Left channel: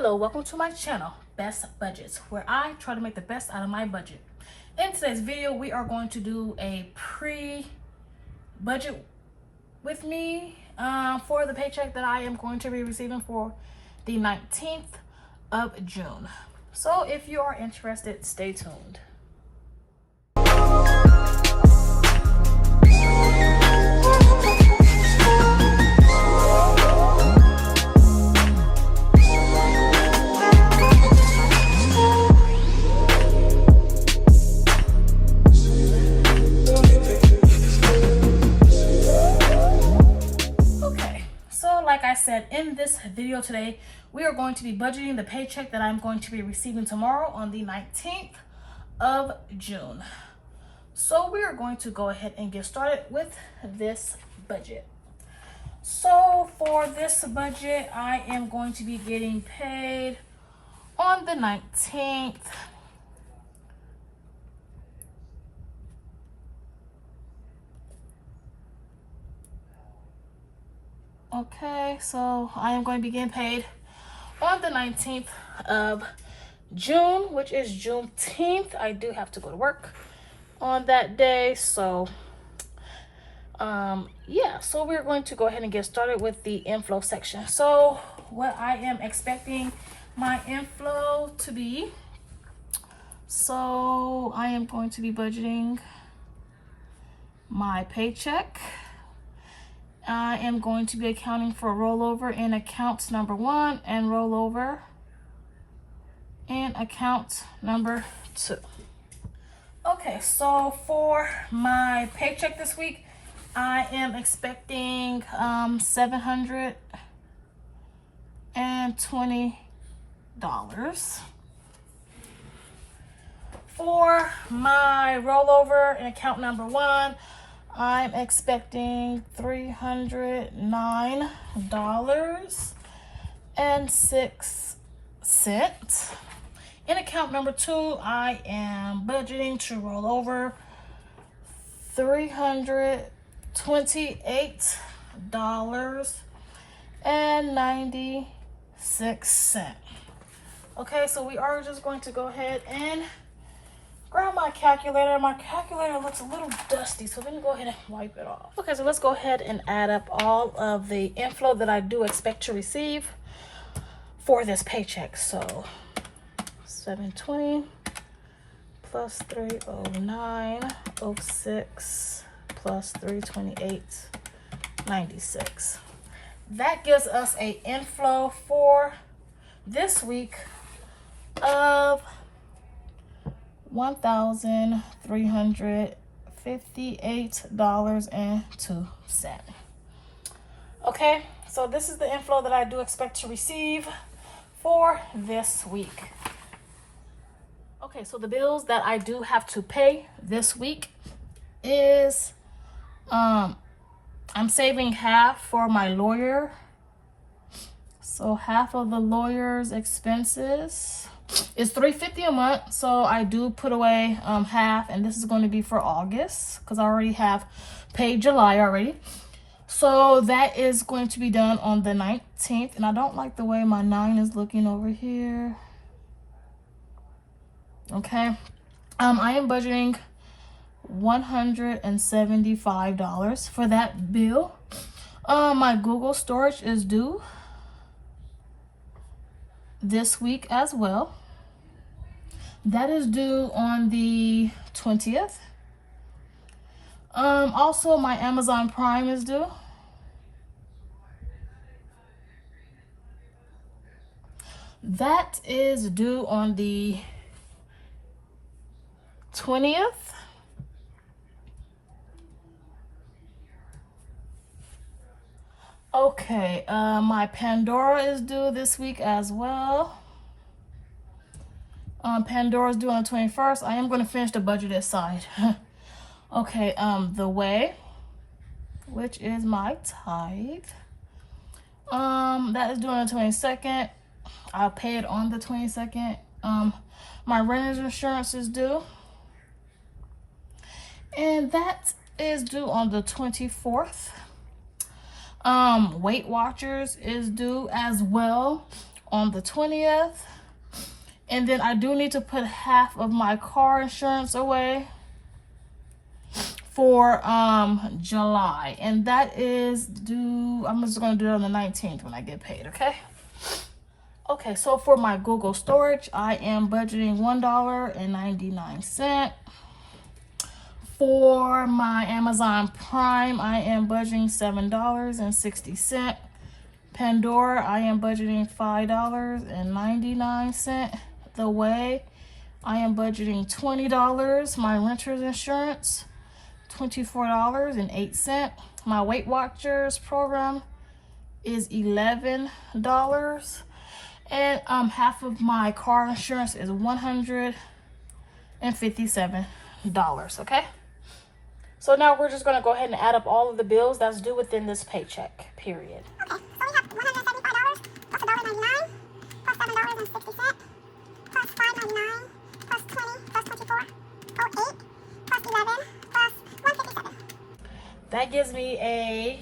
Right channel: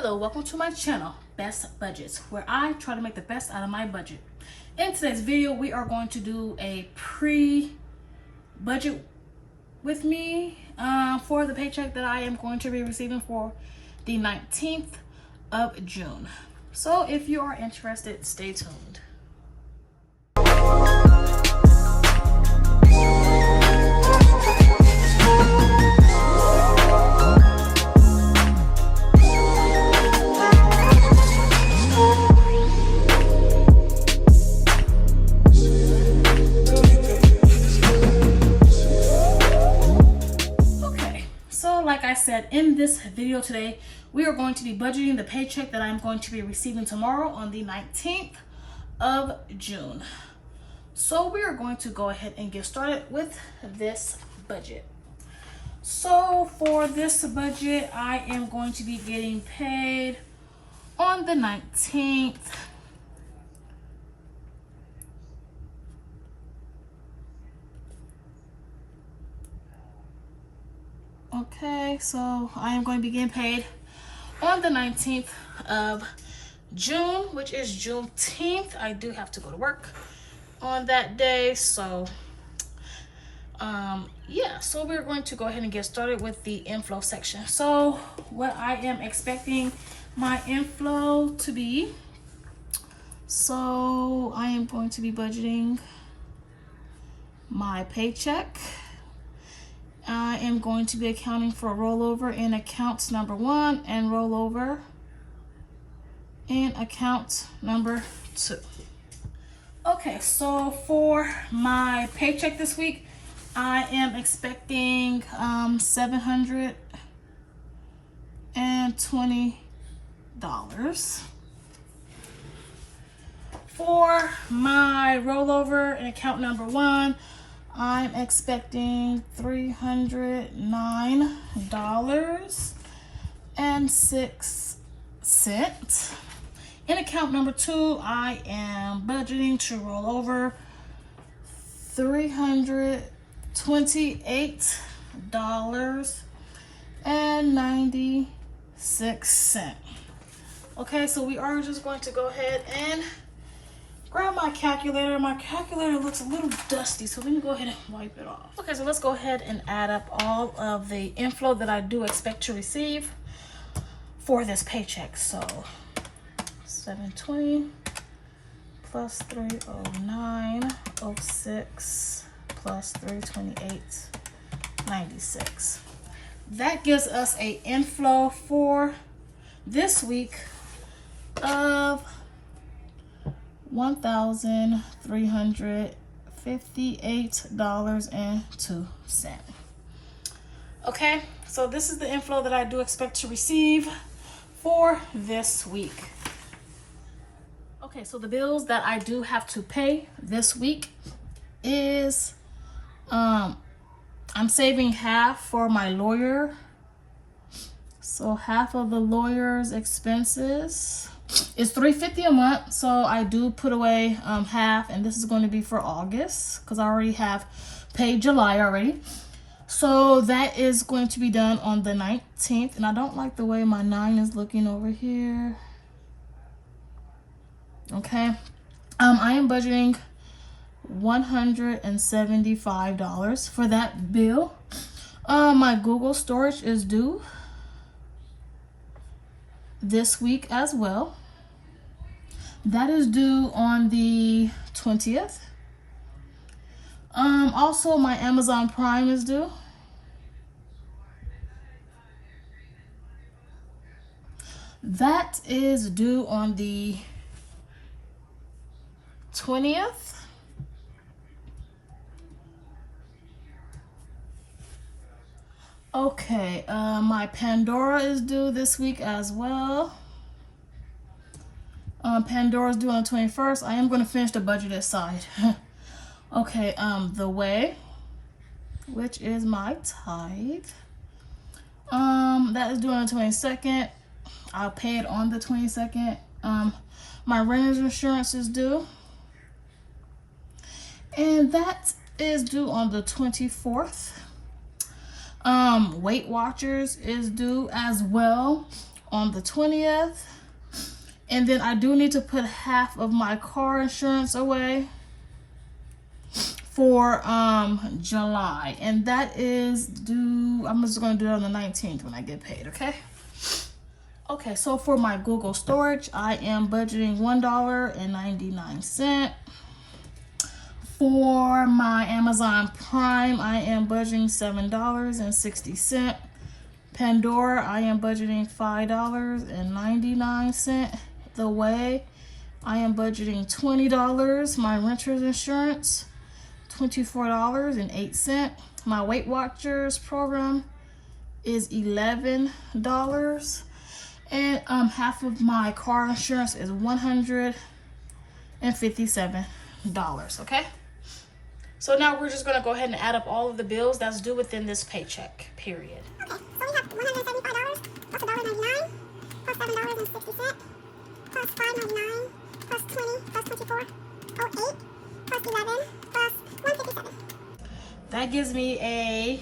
Hello, welcome to my channel, Best Budgets, where I try to make the best out of my budget. In today's video, we are going to do a pre-budget with me for the paycheck that I am going to be receiving for the 19th of June. So if you are interested, stay tuned. Like I said, in this video today, we are going to be budgeting the paycheck that I'm going to be receiving tomorrow on the 19th of June. So we are going to go ahead and get started with this budget. So for this budget, I am going to be getting paid on the 19th. Okay, so I am going to be getting paid on the 19th of June, which is Juneteenth. I do have to go to work on that day, so yeah, so we're going to go ahead and get started with the inflow section. So what I am expecting my inflow to be, so I am going to be budgeting my paycheck. I am going to be accounting for rollover in accounts number 1 and rollover in account number 2. Okay, so for my paycheck this week, I am expecting $720. For my rollover in account number 1, I'm expecting $309.06. In account number 2, I am budgeting to roll over $328.96. Okay, so we are just going to go ahead and grab my calculator. My calculator looks a little dusty, so let me go ahead and wipe it off. Okay, so let's go ahead and add up all of the inflow that I do expect to receive for this paycheck. So 720 plus 309.06 plus 328.96. That gives us an inflow for this week of $1,358.02. Okay, so this is the inflow that I do expect to receive for this week. Okay, so the bills that I do have to pay this week is I'm saving half for my lawyer. So half of the lawyer's expenses is $350 a month, so I do put away half, and this is going to be for August because I already have paid July already. So that is going to be done on the 19th, and I don't like the way my 9 is looking over here. Okay, I am budgeting $175 for that bill. My Google storage is due this week as well. That is due on the 20th. Also my Amazon Prime is due. That is due on the 20th. Okay, my Pandora is due this week as well. Pandora is due on the 21st. I am going to finish the budgeted side. Okay, The Way, which is my tithe, that is due on the 22nd. I'll pay it on the 22nd. My renter's insurance is due, and that is due on the 24th. Weight Watchers is due as well on the 20th. And then I do need to put half of my car insurance away for July, and that is due, I'm just gonna do it on the 19th when I get paid. Okay, so for my Google storage, I am budgeting $1.99. For my Amazon Prime, I am budgeting $7.60. Pandora, I am budgeting $5.99. The Way, I am budgeting $20. My renter's insurance, $24.08. My Weight Watchers program is $11. And half of my car insurance is $157. Okay? So now we're just gonna go ahead and add up all of the bills that's due within this paycheck period. Okay, so we have $175 plus $1.99 plus $7.60 plus $5.99 plus $20 plus $24.08 plus $11 plus $157. That gives me a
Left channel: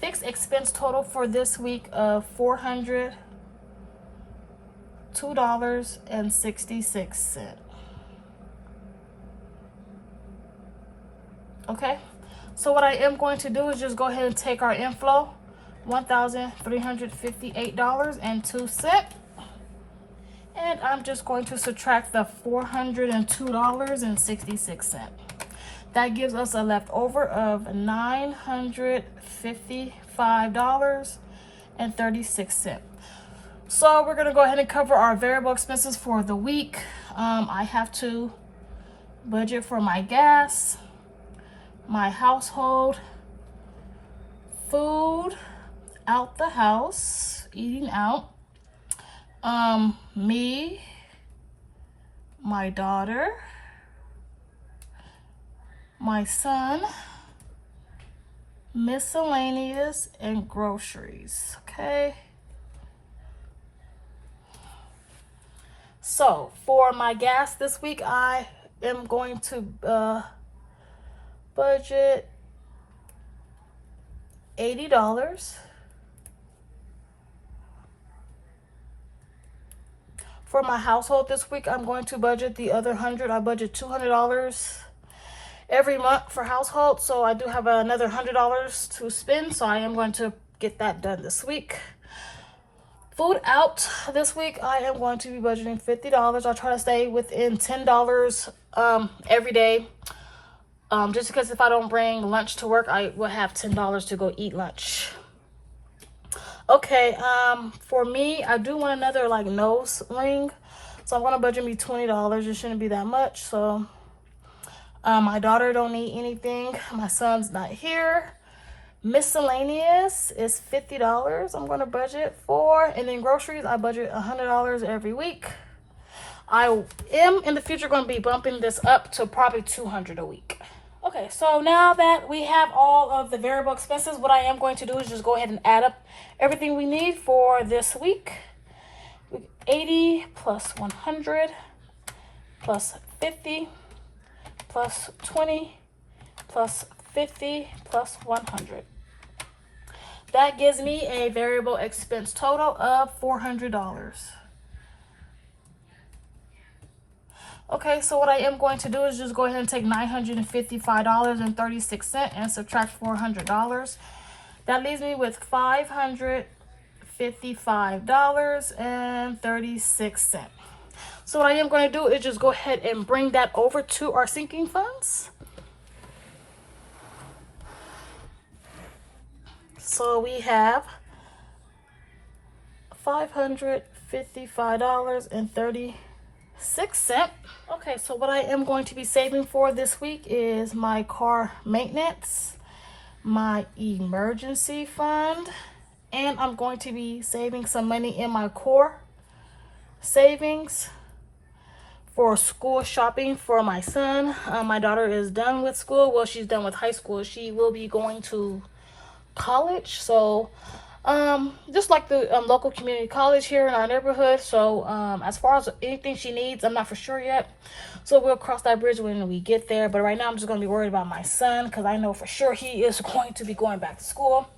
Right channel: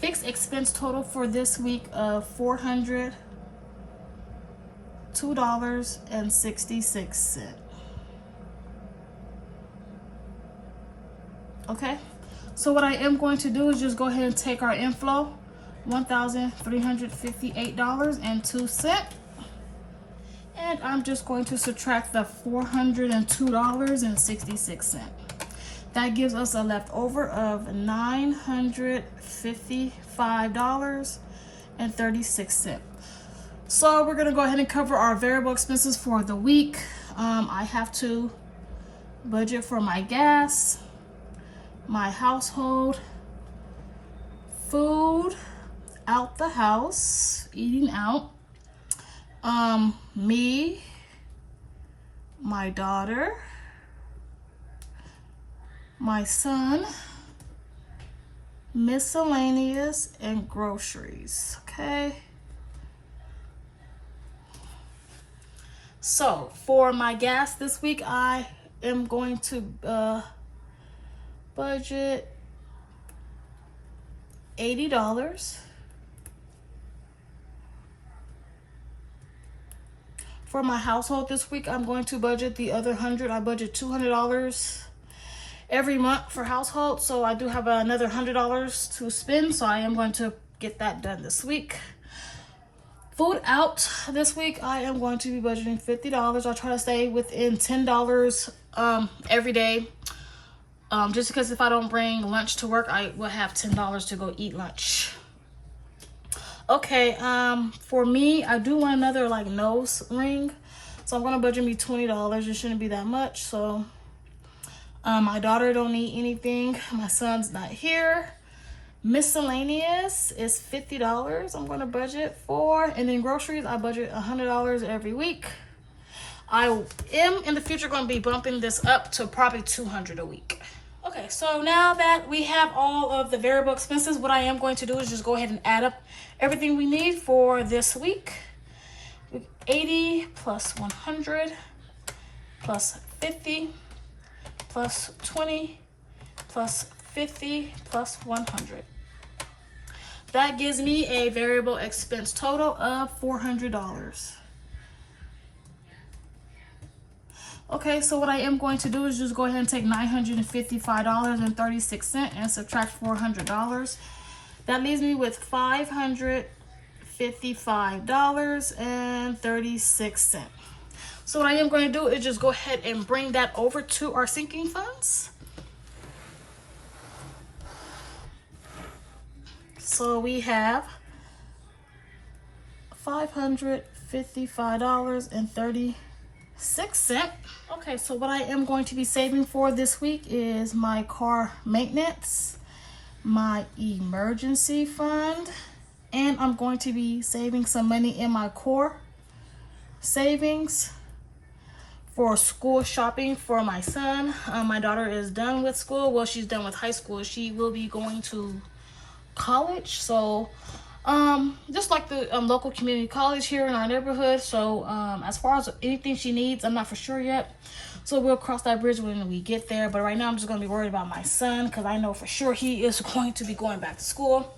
fixed expense total for this week of $402.66. Okay, so what I am going to do is just go ahead and take our inflow, $1,358.02, and I'm just going to subtract the $402.66. That gives us a leftover of $955.36. So we're gonna go ahead and cover our variable expenses for the week. I have to budget for my gas, my household, food out the house, eating out, me, my daughter, my son, miscellaneous, and groceries. Okay, so for my gas this week, I am going to budget $80. For my household this week, I'm going to budget the other $100. I budget $200 every month for household, so I do have another $100 to spend, so I am going to get that done this week. Food out this week, I am going to be budgeting $50. I'll try to stay within $10 every day, just because if I don't bring lunch to work, I will have $10 to go eat lunch. Okay, for me, I do want another like nose ring, so I'm gonna budget me $20. It shouldn't be that much. So my daughter don't need anything, my son's not here. Miscellaneous is $50 I'm gonna budget for, and then groceries I budget $100 every week. I am in the future gonna be bumping this up to probably $200 a week. Okay, so now that we have all of the variable expenses, what I am going to do is just go ahead and add up everything we need for this week. 80 plus 100 plus 50 plus 20 plus 50 plus 100. That gives me a variable expense total of $400. Okay, so what I am going to do is just go ahead and take $955.36 and subtract $400. That leaves me with $555.36. So what I am going to do is just go ahead and bring that over to our sinking funds. So we have $555.36. Okay, so what I am going to be saving for this week is my car maintenance, my emergency fund, and I'm going to be saving some money in my core savings for school shopping for my son. My daughter is done with school. Well, she's done with high school. She will be going to college, so just like the local community college here in our neighborhood. So as far as anything she needs, I'm not for sure yet, so we'll cross that bridge when we get there. But right now I'm just going to be worried about my son, because I know for sure he is going to be going back to school.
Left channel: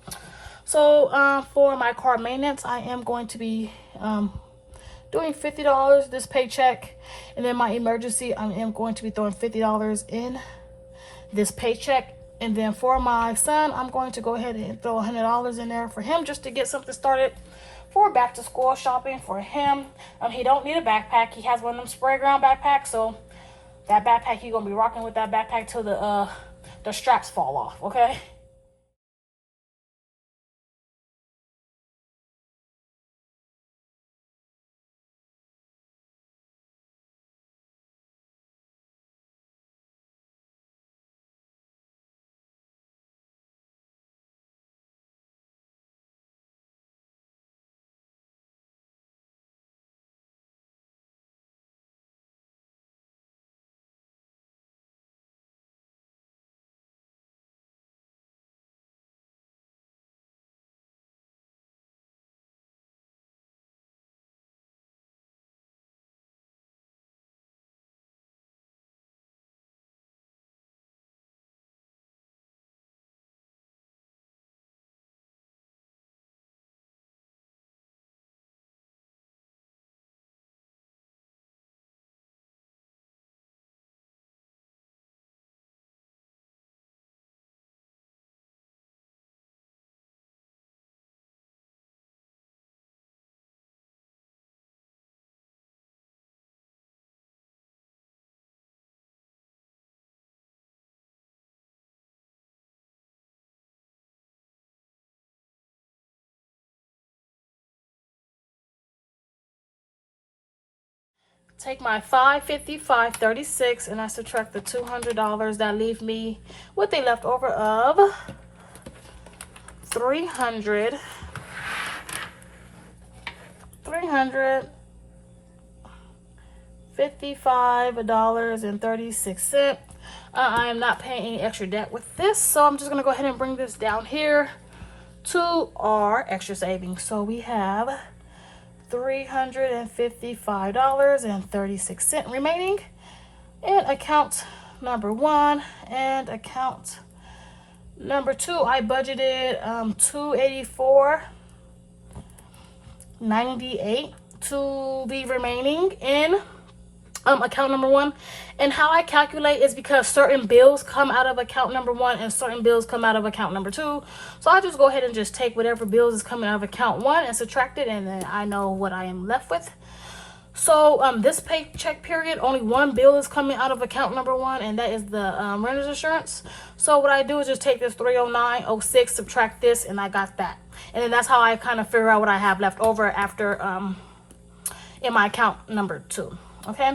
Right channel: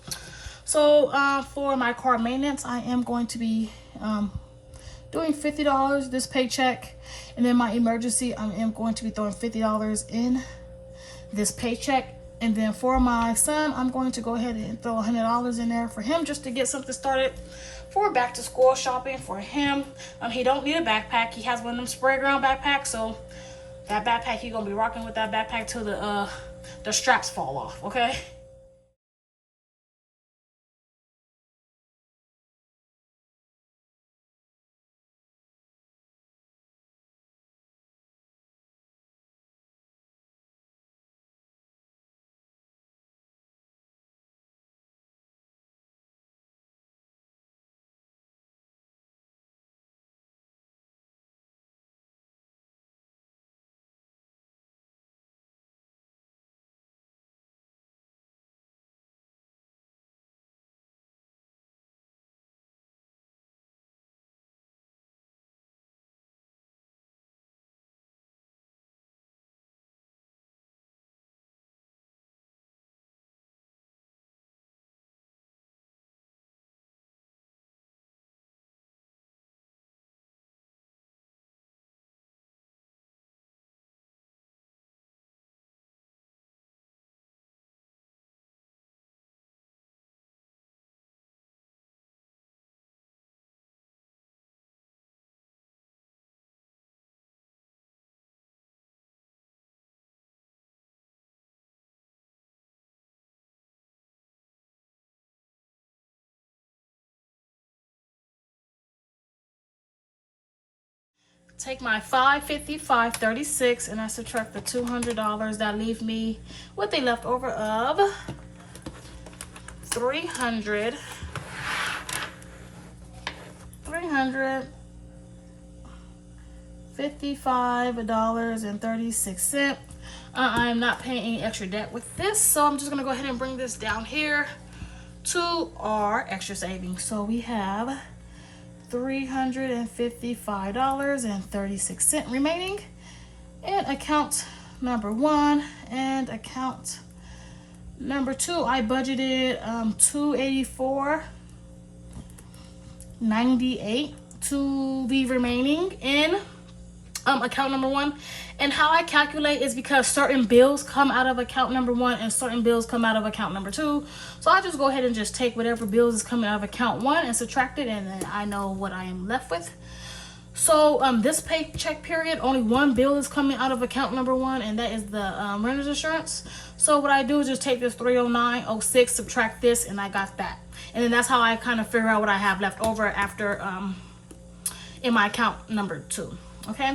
So for my car maintenance, I am going to be doing $50 this paycheck, and then my emergency, I am going to be throwing $50 in this paycheck. And then for my son, I'm going to go ahead and throw $100 in there for him, just to get something started for back to school shopping for him. He don't need a backpack. He has one of them spray ground backpacks, so that backpack, he's gonna be rocking with that backpack till the straps fall off, okay? Take my $550, $536, and I subtract the $200. That leave me with a leftover of $355.36. I'm not paying any extra debt with this, so I'm just gonna go ahead and bring this down here to our extra savings. So we have $355.36 remaining in account number 1, and account number 2 I budgeted $284.98 to be remaining in account number 1. And how I calculate is because certain bills come out of account number 1 and certain bills come out of account number 2. So I just go ahead and just take whatever bills is coming out of account 1 and subtract it, and then I know what I am left with. So this paycheck period, only one bill is coming out of account number 1, and that is the renter's insurance. So what I do is just take this $309.06, subtract this, and I got that. And then that's how I kind of figure out what I have left over after in my account number 2. Okay,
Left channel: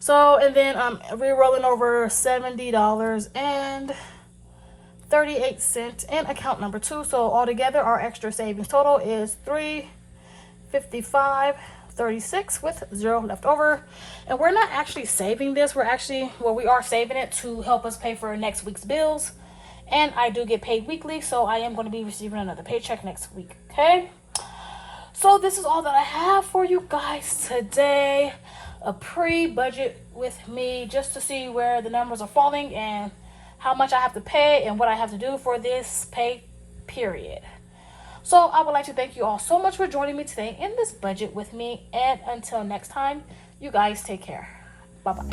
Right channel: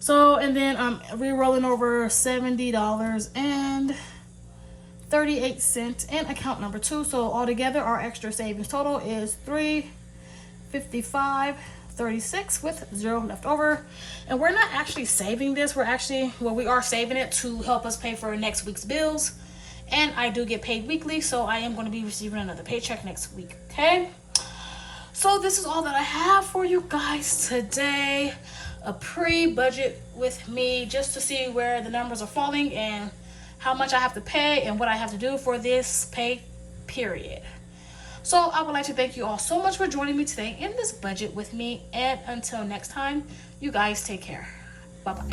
so and then we're rolling over $70.38 in account number 2. So altogether, our extra savings total is $355.36 with 0 left over. And we're not actually saving this. We are saving it to help us pay for next week's bills. And I do get paid weekly, so I am going to be receiving another paycheck next week. Okay, so this is all that I have for you guys today. A pre-budget with me, just to see where the numbers are falling and how much I have to pay and what I have to do for this pay period. So I would like to thank you all so much for joining me today in this budget with me, and until next time, you guys take care. Bye bye.